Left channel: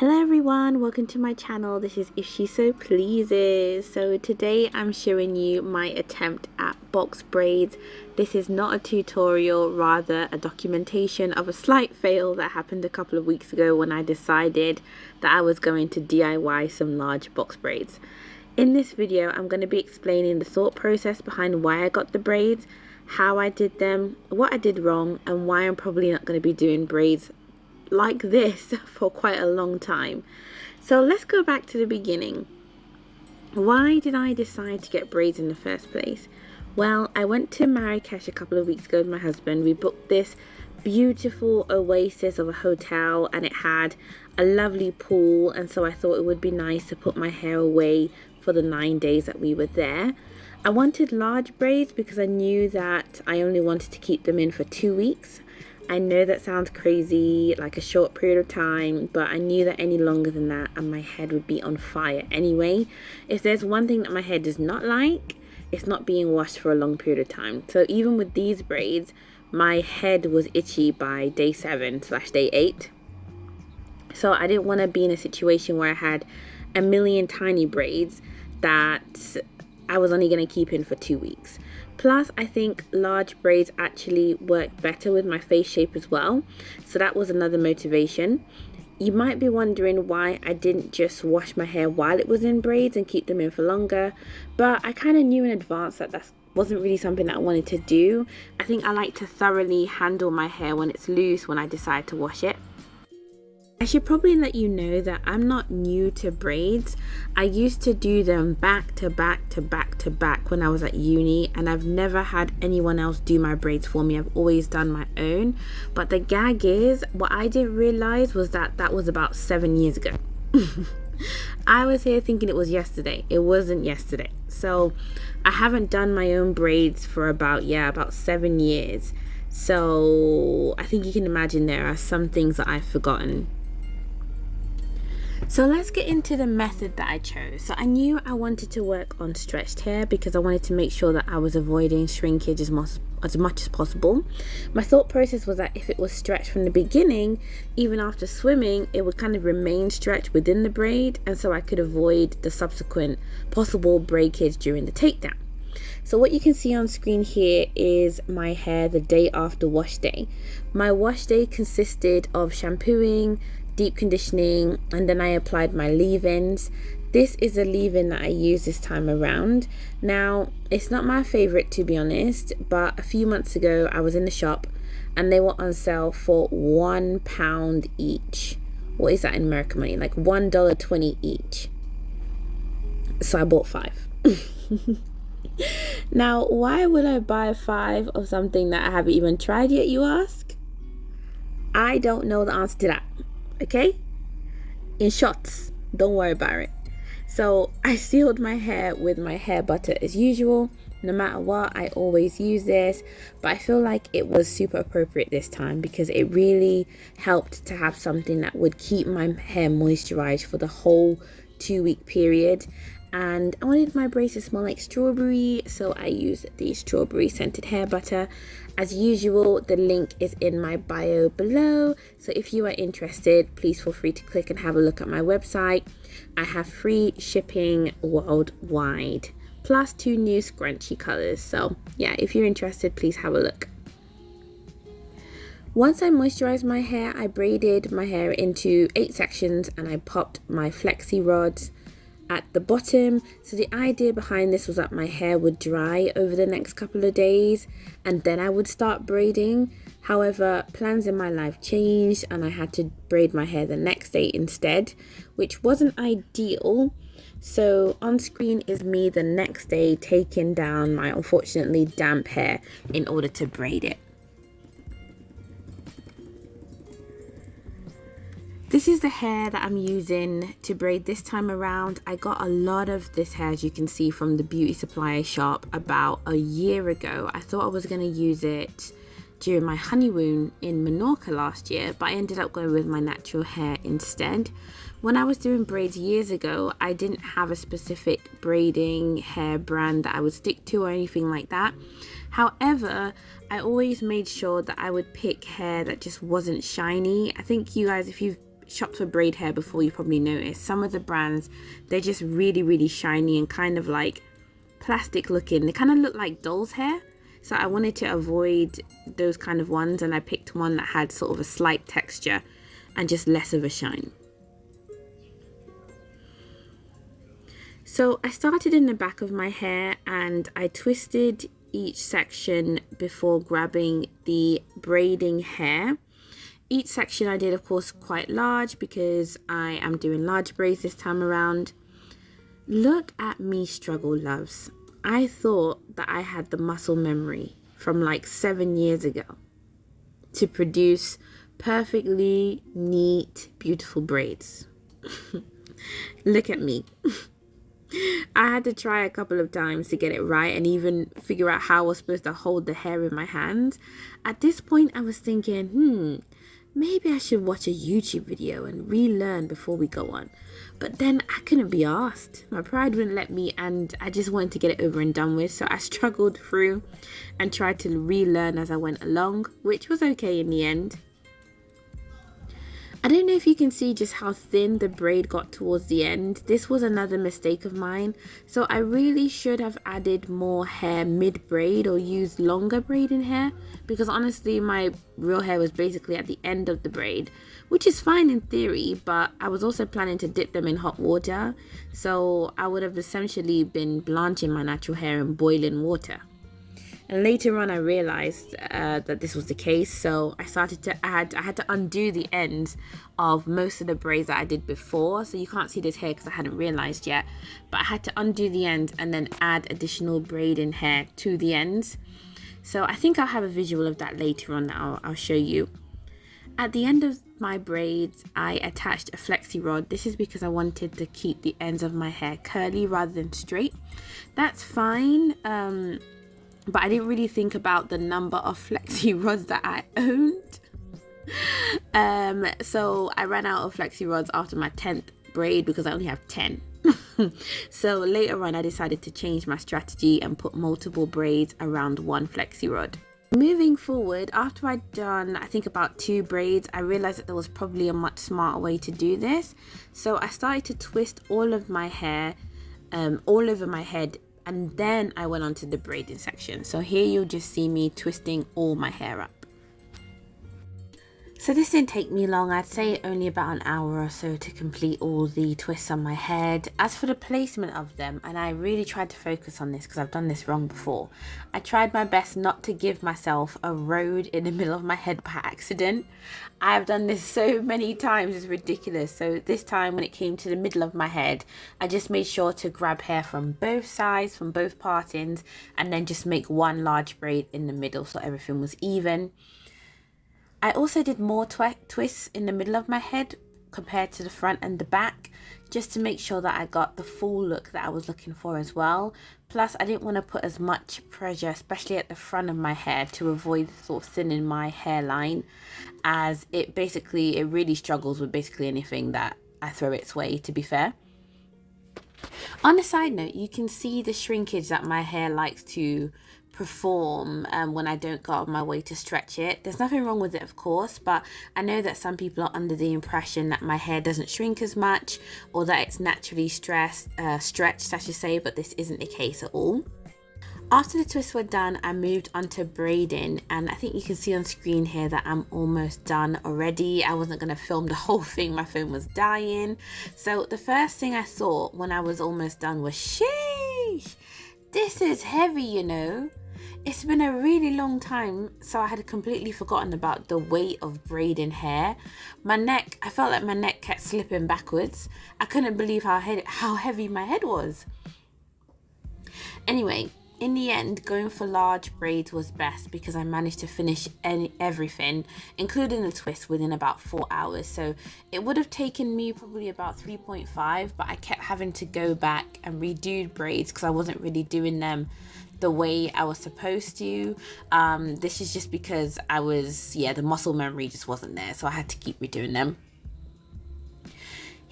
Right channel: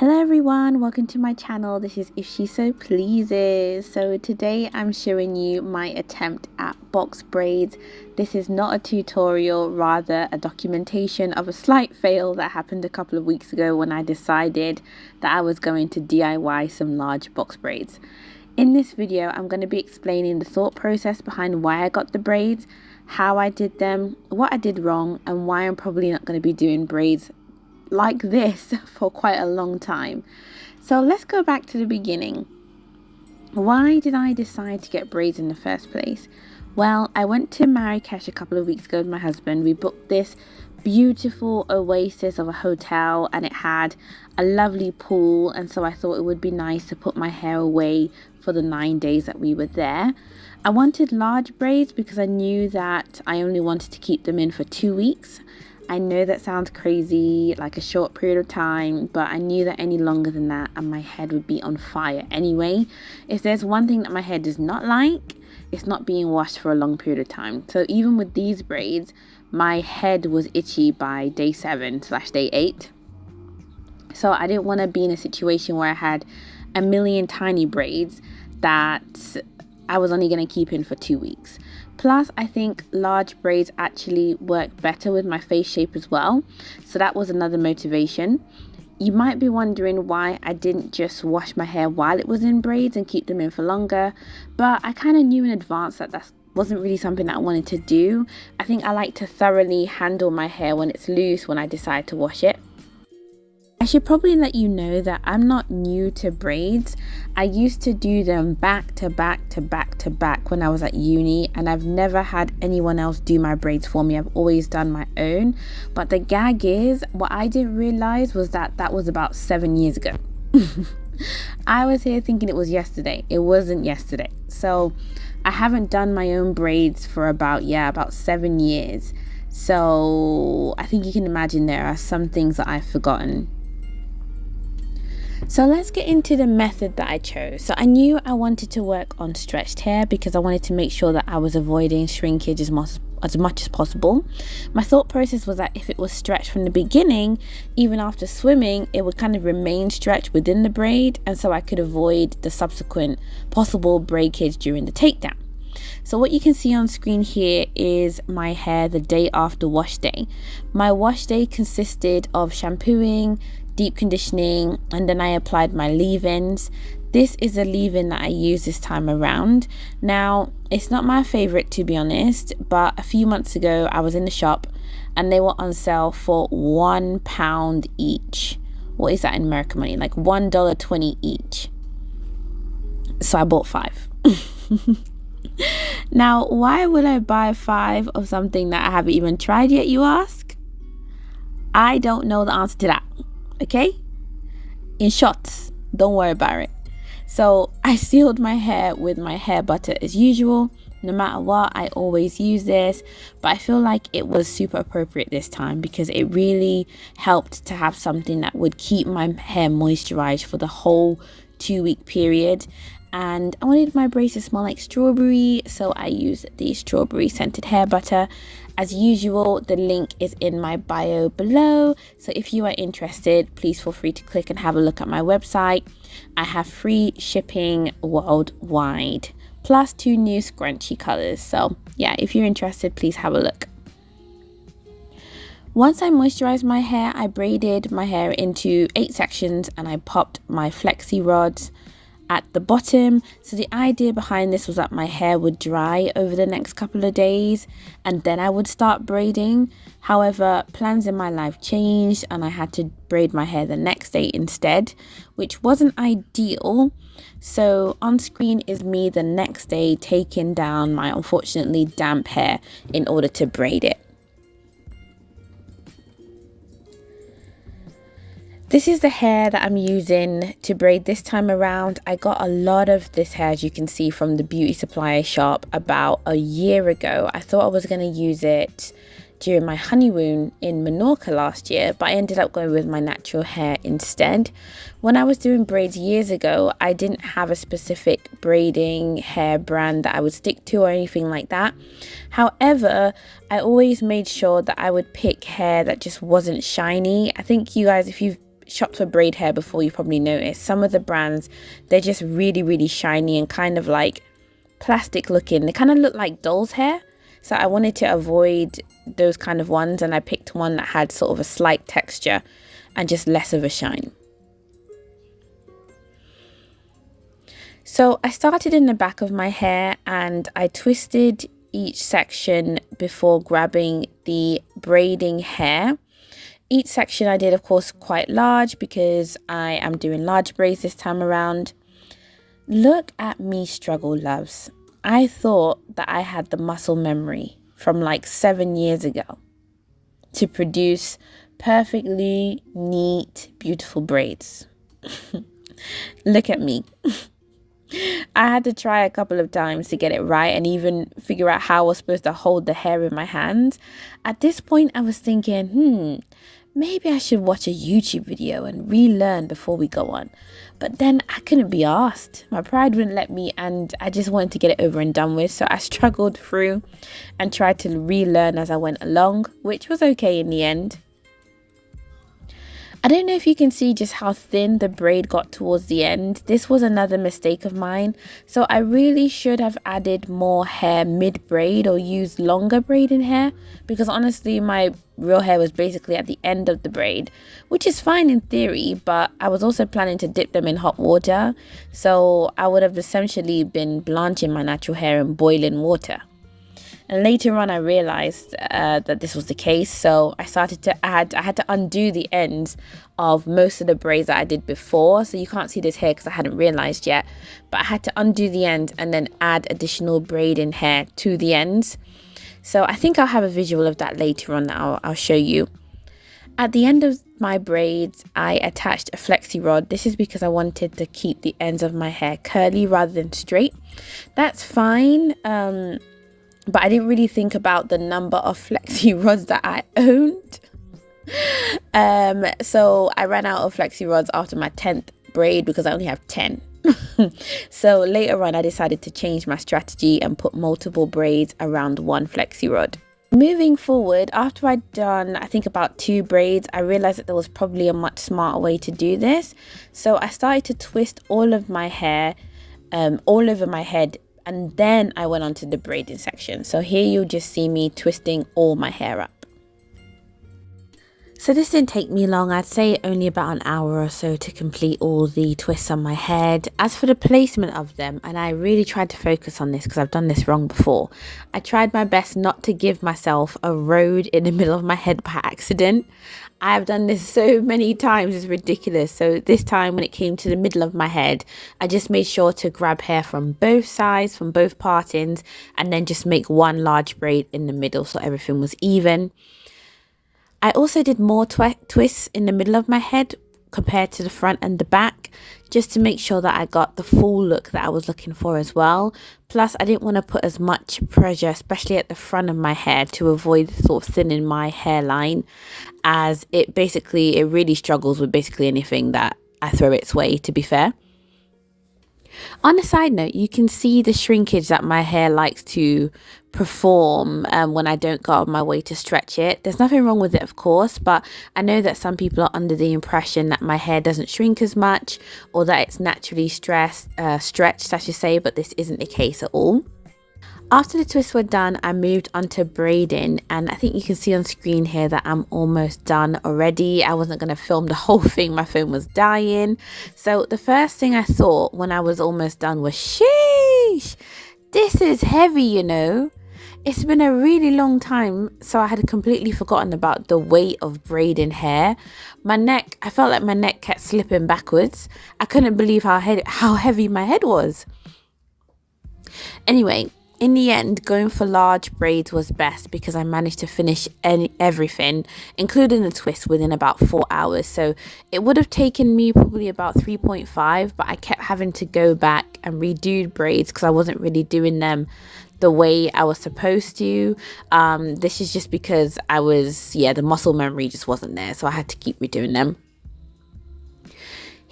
Hello everyone, welcome to my channel. This is If She So Pleases. So today I'm showing you my attempt at box braids. This is not a tutorial, rather a documentation of a slight fail that happened a couple of weeks ago when I decided that I was going to DIY some large box braids. In this video, I'm going to be explaining the thought process behind why I got the braids, how I did them, what I did wrong, and why I'm probably not going to be doing braids like this for quite a long time. So let's go back to the beginning. Why did I decide to get braids in the first place? Well, I went to Marrakesh a couple of weeks ago with my husband. We booked this beautiful oasis of a hotel and it had a lovely pool, and so I thought it would be nice to put my hair away for the 9 days that we were there. I wanted large braids because I knew that I only wanted to keep them in for 2 weeks. I know that sounds crazy, like a short period of time, but I knew that any longer than that and my head would be on fire anyway. If there's one thing that my hair does not like, it's not being washed for a long period of time. So even with these braids, my head was itchy by day 7/day 8. So I didn't want to be in a situation where I had a million tiny braids that I was only going to keep in for 2 weeks. Plus, I think large braids actually work better with my face shape as well. So that was another motivation. You might be wondering why I didn't just wash my hair while it was in braids and keep them in for longer. But I kind of knew in advance that wasn't really something that I wanted to do. I think I like to thoroughly handle my hair when it's loose when I decide to wash it. I should probably let you know that I'm not new to braids. I used to do them back to back to back to back when I was at uni, and I've never had anyone else do my braids for me. I've always done my own. But the gag is, what I didn't realize was that that was about 7 years ago. I was here thinking it was yesterday. It wasn't yesterday. So I haven't done my own braids for about 7 years. So I think you can imagine there are some things that I've forgotten. So let's get into the method that I chose. So I knew I wanted to work on stretched hair because I wanted to make sure that I was avoiding shrinkage as much as possible. My thought process was that if it was stretched from the beginning, even after swimming, it would kind of remain stretched within the braid, and so I could avoid the subsequent possible breakage during the takedown. So what you can see on screen here is my hair the day after wash day. My wash day consisted of shampooing, deep conditioning, and then I applied my leave-ins. This is a leave-in that I use this time around. Now, it's not my favorite to be honest, but a few months ago I was in the shop and they were on sale for £1 each. What is that in American money? Like $1.20 each. So I bought 5. Now, why would I buy 5 of something that I haven't even tried yet, you ask? I don't know the answer to that. Okay, in shots, don't worry about it. So I sealed my hair with my hair butter as usual. No matter what, I always use this, but I feel like it was super appropriate this time because it really helped to have something that would keep my hair moisturized for the whole 2-week period. And I wanted my braids to smell like strawberry, so I used the strawberry scented hair butter. As usual, the link is in my bio below, so if you are interested, please feel free to click and have a look at my website. I have free shipping worldwide, plus 2 new scrunchy colors. So yeah, if you're interested, please have a look. Once I moisturized my hair, I braided my hair into 8 sections and I popped my flexi rods at the bottom. So the idea behind this was that my hair would dry over the next couple of days and then I would start braiding. However, plans in my life changed and I had to braid my hair the next day instead, which wasn't ideal. So on screen is me the next day taking down my unfortunately damp hair in order to braid it. This is the hair that I'm using to braid this time around. I got a lot of this hair, as you can see, from the beauty supply shop about a year ago. I thought I was going to use it during my honeymoon in Menorca last year, but I ended up going with my natural hair instead. When I was doing braids years ago, I didn't have a specific braiding hair brand that I would stick to or anything like that. However, I always made sure that I would pick hair that just wasn't shiny. I think you guys, if you've shopped for braid hair before, you probably noticed some of the brands, they're just really, really shiny and kind of like plastic looking. They kind of look like doll's hair. So I wanted to avoid those kind of ones, and I picked one that had sort of a slight texture and just less of a shine. So I started in the back of my hair and I twisted each section before grabbing the braiding hair. Each section I did, of course, quite large because I am doing large braids this time around. Look at me struggle, loves. I thought that I had the muscle memory from like 7 years ago to produce perfectly neat, beautiful braids. Look at me. I had to try a couple of times to get it right and even figure out how I was supposed to hold the hair in my hands. At this point, I was thinking, maybe I should watch a YouTube video and relearn before we go on. But then I couldn't be asked. My pride wouldn't let me, and I just wanted to get it over and done with. So I struggled through and tried to relearn as I went along, which was okay in the end. I don't know if you can see just how thin the braid got towards the end. This was another mistake of mine. So I really should have added more hair mid-braid or used longer braiding hair, because honestly my real hair was basically at the end of the braid, which is fine in theory, but I was also planning to dip them in hot water. So I would have essentially been blanching my natural hair in boiling water. And later on I realized that this was the case, so I started to I had to undo the ends of most of the braids that I did before. So you can't see this hair because I hadn't realized yet, but I had to undo the ends and then add additional braiding hair to the ends. So I think I'll have a visual of that later on that I'll show you. At the end of my braids, I attached a flexi rod. This is because I wanted to keep the ends of my hair curly rather than straight. That's fine. But I didn't really think about the number of flexi rods that I owned. So I ran out of flexi rods after my 10th braid because I only have 10. So later on I decided to change my strategy and put multiple braids around one flexi rod. Moving forward, after I'd done I think about 2 braids, I realized that there was probably a much smarter way to do this. So I started to twist all of my hair all over my head, and then I went on to the braiding section. So here you'll just see me twisting all my hair up. So this didn't take me long. I'd say only about an hour or so to complete all the twists on my head. As for the placement of them, and I really tried to focus on this because I've done this wrong before. I tried my best not to give myself a road in the middle of my head by accident. I've done this so many times, it's ridiculous. So this time when it came to the middle of my head, I just made sure to grab hair from both sides, from both partings, and then just make one large braid in the middle so everything was even. I also did more twists in the middle of my head compared to the front and the back, just to make sure that I got the full look that I was looking for as well. Plus I didn't want to put as much pressure, especially at the front of my hair, to avoid sort of thinning my hairline, as it really struggles with basically anything that I throw its way, to be fair. On a side note, you can see the shrinkage that my hair likes to perform when I don't go out of my way to stretch it. There's nothing wrong with it, of course, but I know that some people are under the impression that my hair doesn't shrink as much, or that it's naturally stretched, I should say, but this isn't the case at all. After the twists were done, I moved on to braiding, and I think you can see on screen here that I'm almost done already. I wasn't going to film the whole thing, my phone was dying. So the first thing I thought when I was almost done was, sheesh, this is heavy, you know. It's been a really long time, so I had completely forgotten about the weight of braiding hair. I felt like my neck kept slipping backwards. I couldn't believe how heavy my head was. Anyway, in the end, going for large braids was best because I managed to finish everything, including the twist, within about 4 hours. So it would have taken me probably about 3.5, but I kept having to go back and redo braids because I wasn't really doing them the way I was supposed to. This is just because the muscle memory just wasn't there, so I had to keep redoing them.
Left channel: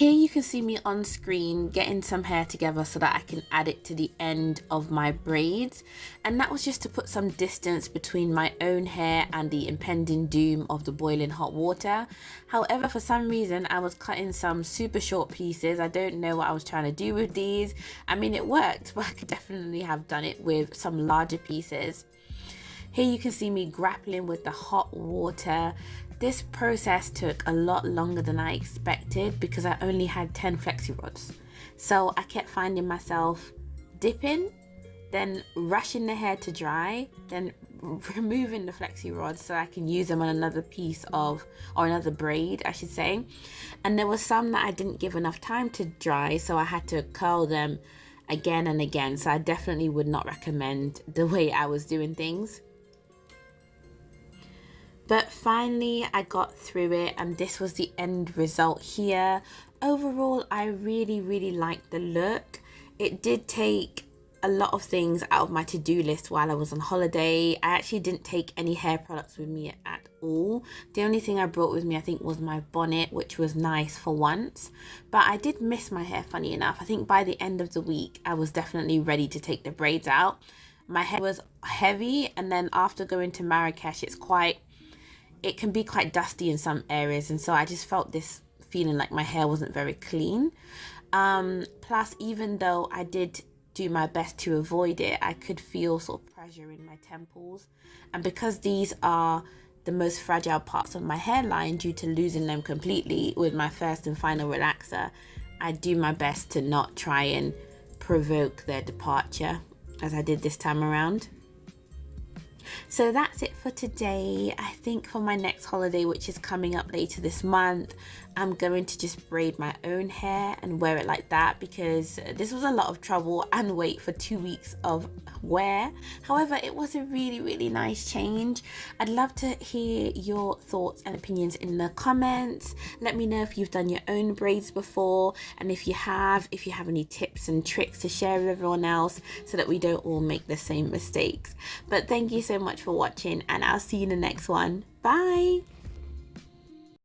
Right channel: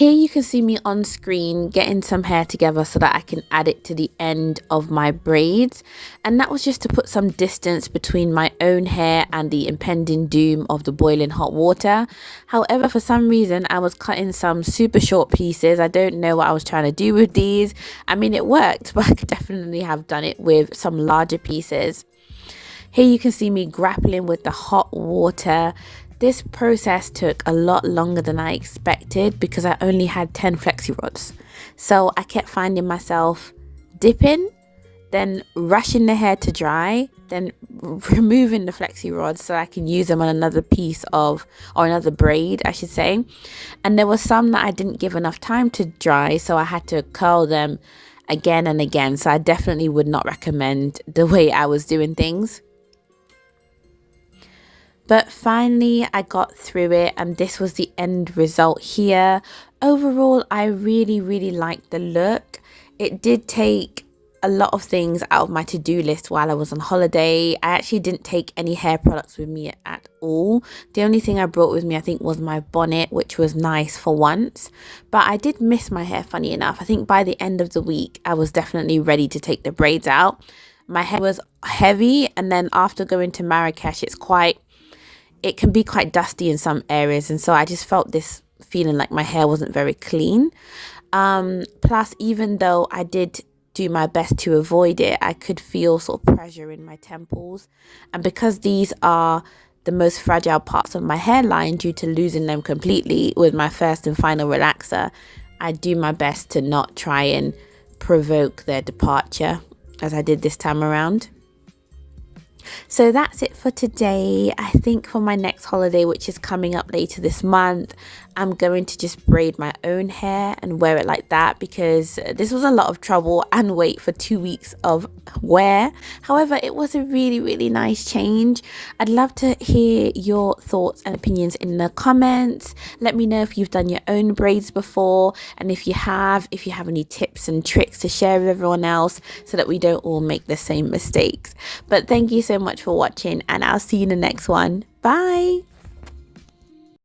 Here you can see me on screen getting some hair together so that I can add it to the end of my braids, and that was just to put some distance between my own hair and the impending doom of the boiling hot water. However, for some reason I was cutting some super short pieces. I don't know what I was trying to do with these. I mean, it worked, but I could definitely have done it with some larger pieces. Here you can see me grappling with the hot water. This process took a lot longer than I expected because I only had 10 flexi rods. So I kept finding myself dipping, then rushing the hair to dry, then removing the flexi rods so I can use them on another piece of, or another braid, I should say. And there were some that I didn't give enough time to dry, so I had to curl them again and again. So I definitely would not recommend the way I was doing things. But finally I got through it, and this was the end result here. Overall, I really liked the look. It did take a lot of things out of my to-do list while I was on holiday. I actually didn't take any hair products with me at all. The only thing I brought with me, I think, was my bonnet, which was nice for once. But I did miss my hair, funny enough. I think by the end of the week, I was definitely ready to take the braids out. My hair was heavy, and then after going to Marrakesh, it can be quite dusty in some areas, and so I just felt this feeling like my hair wasn't very clean. Plus, even though I did do my best to avoid it, I could feel sort of pressure in my temples, and because these are the most fragile parts of my hairline due to losing them completely with my first and final relaxer, I do my best to not try and provoke their departure as I did this time around. So that's it for today. I think for my next holiday, which is coming up later this month, I'm going to just braid my own hair and wear it like that, because this was a lot of trouble and wait for 2 weeks of wear. However, it was a really nice change. I'd love to hear your thoughts and opinions in the comments. Let me know if you've done your own braids before, and if you have any tips and tricks to share with everyone else so that we don't all make the same mistakes. But thank you so much for watching, and I'll see you in the next one. Bye.